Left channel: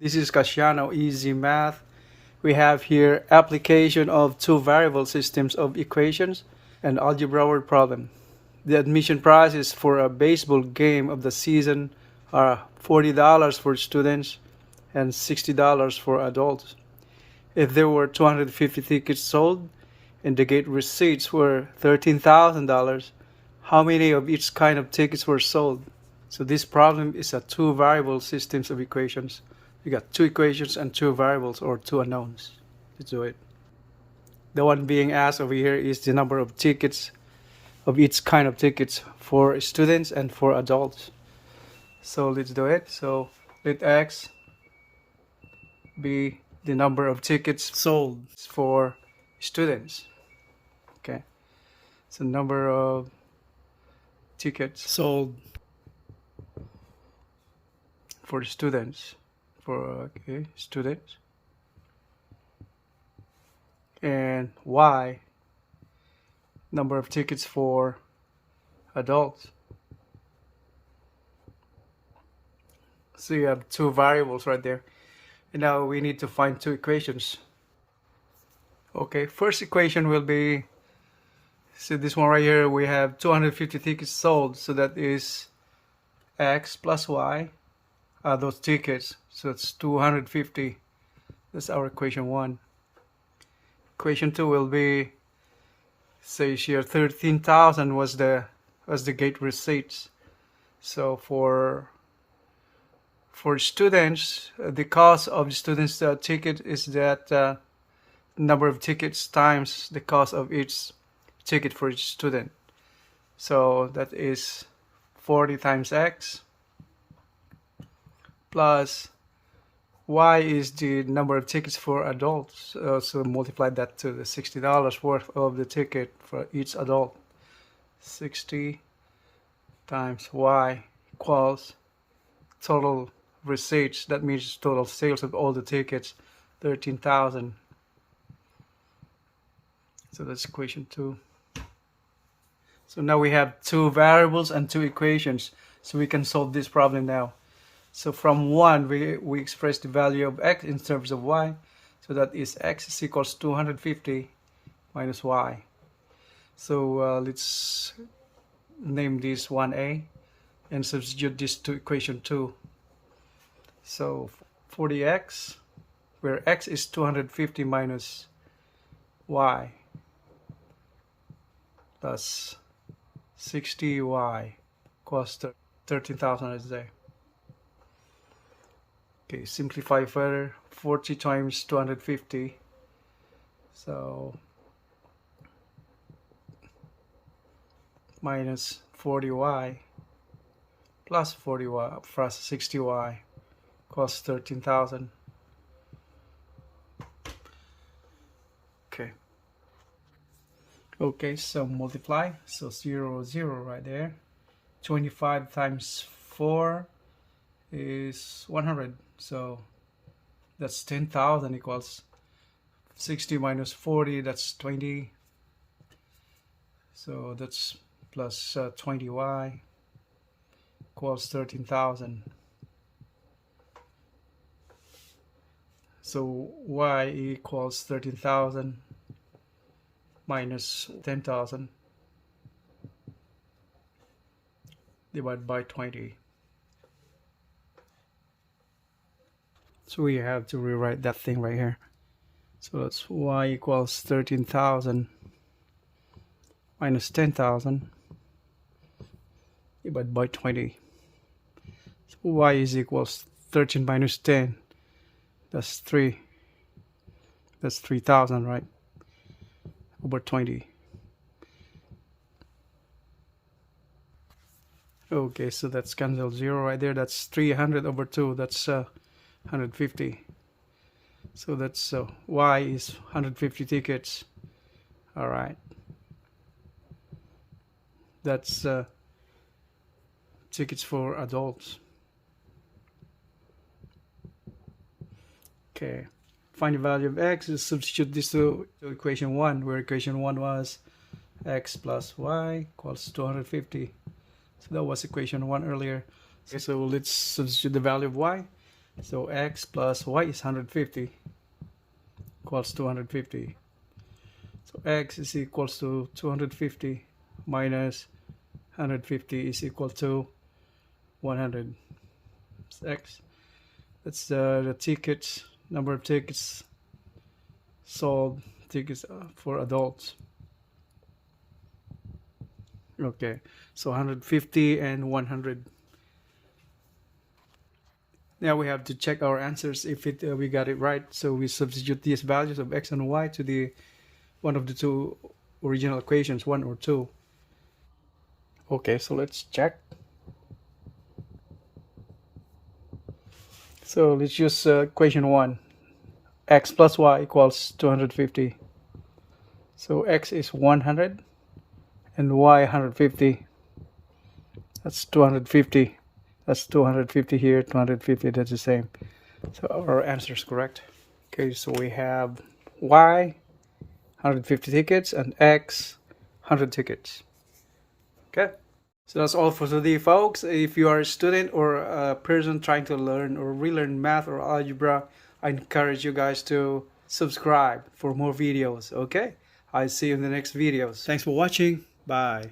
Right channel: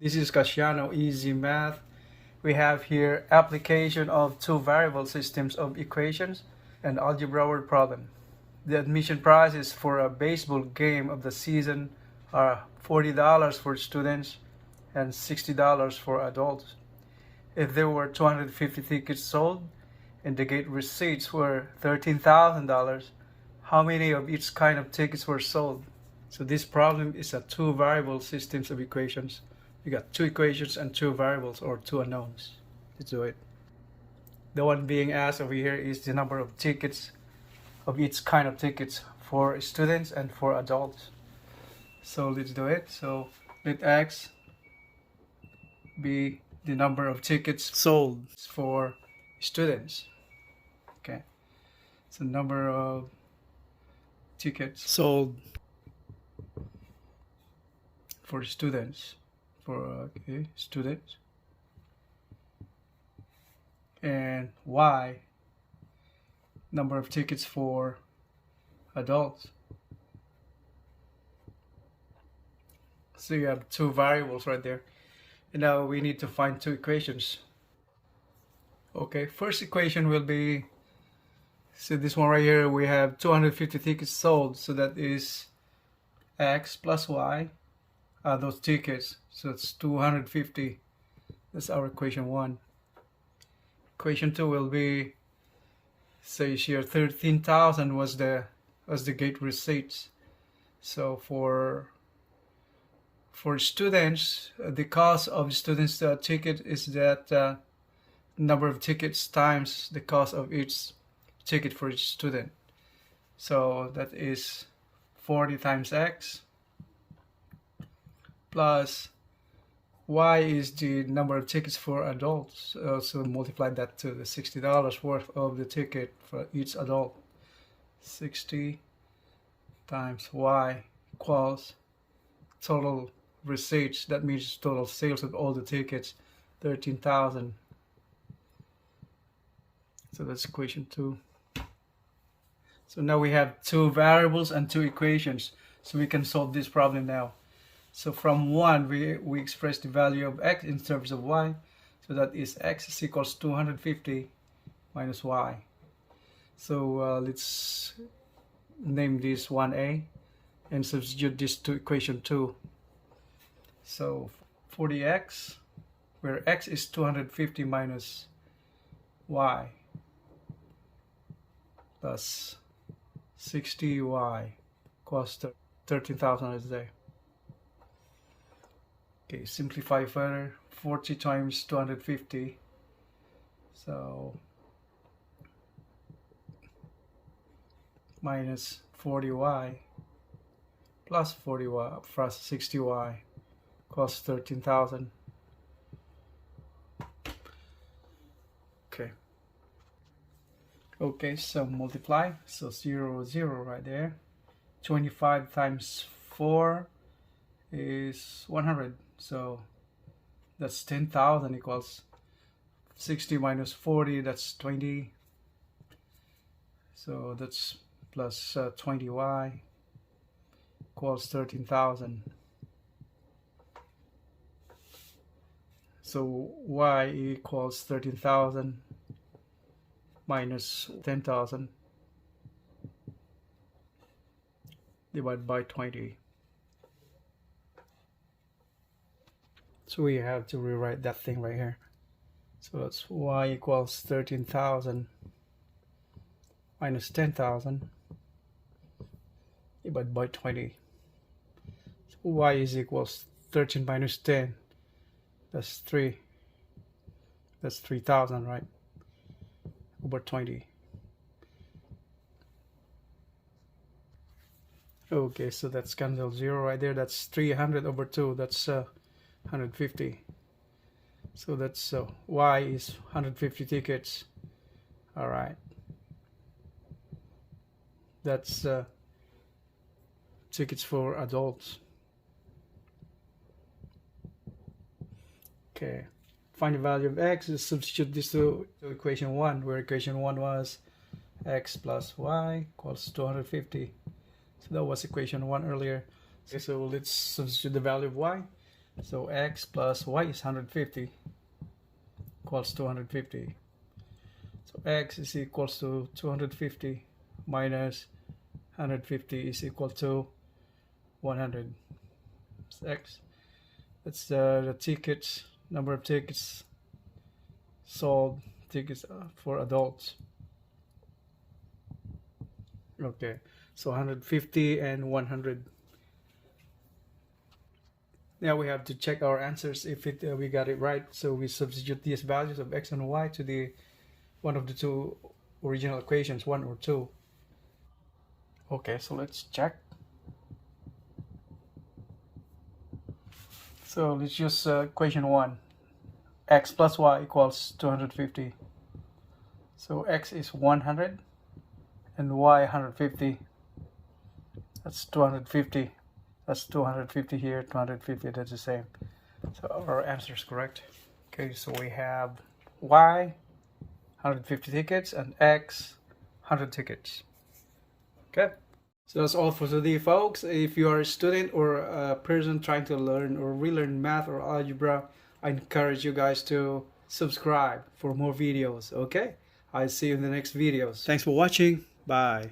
This is Kasyanno EZMath. We have here application of two variable systems of equations and algebra word problem. The admission prices for a baseball game of the season are $40 for students and $60 for adults. If there were 250 tickets sold and the gate receipts were $13,000, how many of each kind of tickets were sold? So this problem is a two variable systems of equations. You got two equations and two variables or two unknowns. Let's do it. The one being asked over here is the number of tickets of each kind of tickets for students and for adults. So let's do it. So let X be the number of tickets sold for students. Okay. So number of tickets sold for students. Students, and Y number of tickets for adults. So you have two variables right there, and now we need to find two equations. Okay, first equation will be, so this one right here, we have 250 tickets sold, so that is X plus Y those tickets, so it's 250. That's our equation 1. Equation 2 will be, say here 13,000 was the gate receipts. So for students, the cost of students ticket is that number of tickets times the cost of each ticket for each student. So that is 40 times X plus Y is the number of tickets for adults. So multiply that to the $60 worth of the ticket for each adult. 60 times Y equals total receipts. That means total sales of all the tickets, 13,000. So that's equation 2. So now we have two variables and two equations. So we can solve this problem now. So from 1, we express the value of X in terms of Y. So that is X is equals 250 minus Y. So let's name this 1A and substitute this to equation 2. So 40X, where X is 250 minus Y, plus 60Y equals 13,000 is there. Okay, simplify further. 40 times 250. So minus 40y plus 40y plus 60y costs 13,000. Okay. Okay, so multiply. So 0, 0 right there. 25 times 4 is 100. So that's 10,000 equals 60 minus 40, that's 20. So that's plus 20y equals 13,000. So y equals 13,000 minus 10,000 divided by 20. So we have to rewrite that thing right here. So that's y equals 13,000 minus 10,000 divided by 20. So y is equals 13 minus 10. That's 3. That's 3,000, right? Over 20. Okay, so that's cancel 0 right there. That's 300 over 2. That's 150. So that's Y is 150 tickets. All right. That's tickets for adults. Okay. Find the value of X. Just substitute this to equation 1, where equation 1 was X plus Y equals 250. So that was equation 1 earlier. Okay, so let's substitute the value of Y. So x plus y is 150 equals 250. So x is equals to 250 minus 150 is equal to 100. It's x. That's the tickets, number of tickets sold, tickets for adults. Okay, so 150 and 100. Now we have to check our answers if we got it right. So we substitute these values of x and y to the one of the two original equations, 1 or 2. Okay, so let's check. So let's use equation 1. X plus y equals 250. So x is 100 and y 150. That's 250. That's 250 here, 250, that's the same. So our answer is correct. Okay, so we have y 150 tickets and x 100 tickets. Okay, so that's all for today, folks. If you are a student or a person trying to learn or relearn math or algebra, I encourage you guys to subscribe for more videos. Okay, I'll see you in the next videos. Thanks for watching. Bye.